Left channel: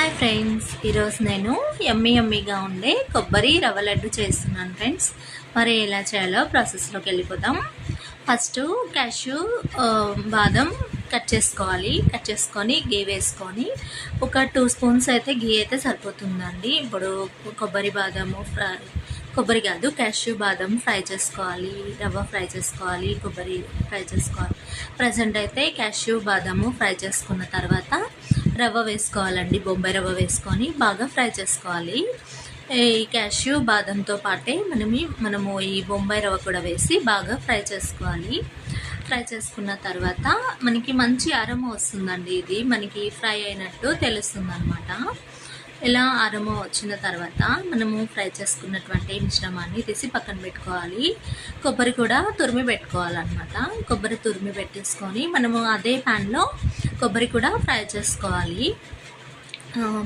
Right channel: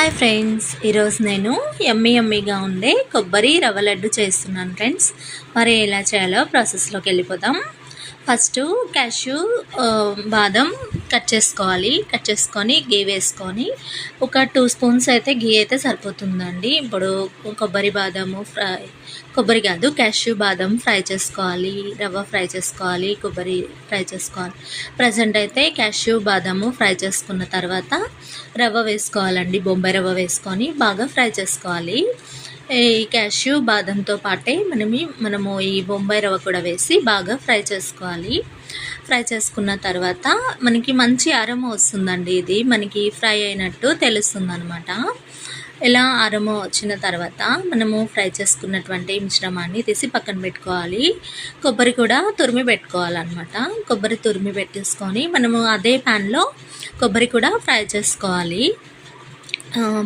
Hi friends, ఈరోజు నేను యమ్మీగా ఉండే కొబ్బరి రవ్వ లడ్డు చేస్తున్నాను ఫ్రెండ్స్. మరి ఎలా చేయాలో ప్రాసెస్లోకి వెళ్ళిపోదాం. ఫస్ట్ క్యాష్యూ బాదం కట్ చేసుకొని గీ వేసుకొని ఒక 2 స్పూన్స్ అయితే గీ అయితే సరిపోతుందండి. ఇప్పుడు క్యాష్యూ బాదం ఫ్రై చేసుకోవాలి, రవ్వ ఫ్రై చేసుకోవాలి, కొబ్బరి ఫ్రై చేసుకోవాలి. ప్రజెంట్ అయితే క్యాష్యూ బాదము ఫ్రై చేసుకున్న తర్వాత రవ్వ వేసుకోవాలండి. బొంబాయి రవ్వ వేసుకొని బాగా ఫ్రై చేసుకోవాలి. ఈ క్యాష్యూ బాదంతో పాటే మనము ఈ బొంబాయి రవ్వ కూడా వేసి బాగా ఫ్రై చేసుకోవాలి. ఫ్రై చేసుకున్న తర్వాత మనకి మంచి అరోమా వస్తుందండి. ఇది మనకి ఫ్రై అయినట్టు తెలుస్తుంది అనమాట. ఇలా అరోమా వచ్చిన తర్వాత మనము ఫ్రై చేసుకున్నటువంటి మిశ్రమాన్ని తీసి పక్కన పెట్టుకోవాలి. కొబ్బరి కూడా తురిమి పెట్టుకోవాలన్నమాట. కొబ్బరి తురిమి పెట్టేసుకొని మనము అదే ప్యాన్లో కొబ్బరి కూడా ఫ్రై చేసుకోవాలి.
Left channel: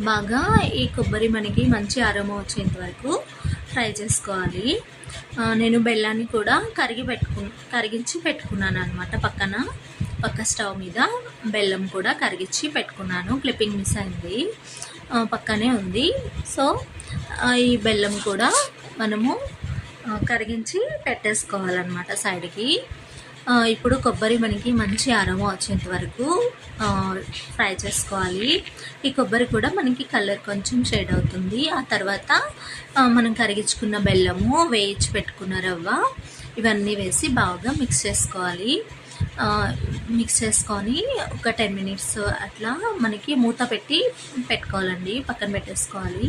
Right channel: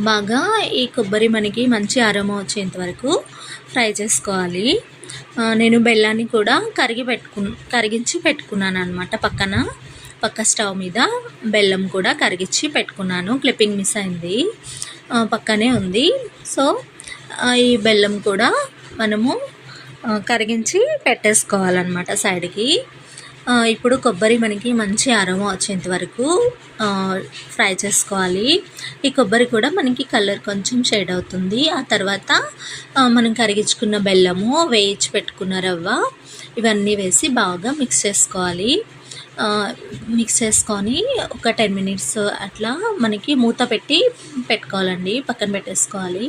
బాగా ఈ కొబ్బరి మనకి మంచి అరోమా వచ్చేంత వరకు ఫ్రై చేసుకోవాలి. నేను బెల్లాన్ని కూడా కరిగించి పెట్టుకున్నాను అనమాట. పక్క స్టవ్ మీద బెల్లం కూడా కరిగించి పెట్టుకున్నాను. క్లిప్పింగ్ మిస్ అయింది, పక్కనే ఉంది. సో ఈ బెల్లం కూడా మనము కరిగించి పెట్టేసుకోవాలన్నమాట సైడ్కి. ఇప్పుడు కొబ్బరి మనకి మంచి అరోమా వచ్చేంత వరకు ఫ్రై చేసుకోవాలి. ఈ కొబ్బరి కూడా మనకి కలర్ కొంచెం షేడ్ అవుతుంది. ఆ తర్వాత మనం కరిగించుకున్న బెల్లము, వేయించి పెట్టుకున్న రవ్వ, ఇవన్నీ వేసి బాగా మిక్స్ చేసుకొని ఒక 10 మినిట్స్ అట్లా మనకి మూత పెట్టుకోవాలండి. పక్కన పెట్టేసుకోవాలి.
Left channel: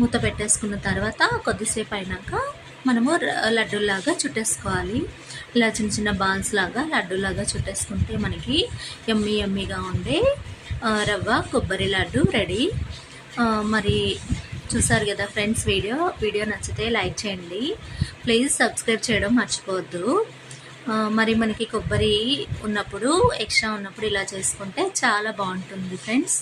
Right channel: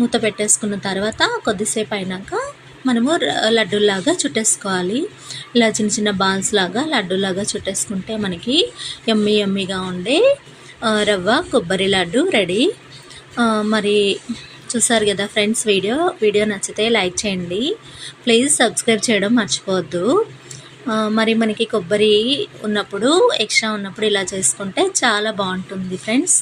మూత పెట్టేసుకున్న తర్వాత కొద్దిసేపు అయినాక మనము లడ్డూలాగా చుట్టేసుకోవాలి. ఇలా చిన్న చిన్న బాల్స్ లాగా లడ్డూలాగా చుట్టేసుకుంటే మనకి యమ్మీగా ఉండే రవ్వ కొబ్బరి లడ్డు రెడీ. మరి చూసారు కదా ఫ్రెండ్స్, వీడియో నచ్చితే లైక్ చేయండి. ప్లీజ్ సబ్స్క్రైబ్ చేయడం మర్చిపోవద్దు. మరి మనకి కొబ్బరి ఎక్స్ట్రా ఉన్నప్పుడు ఇలా చేసుకుంటే చాలా బాగుంటుంది ఫ్రెండ్స్.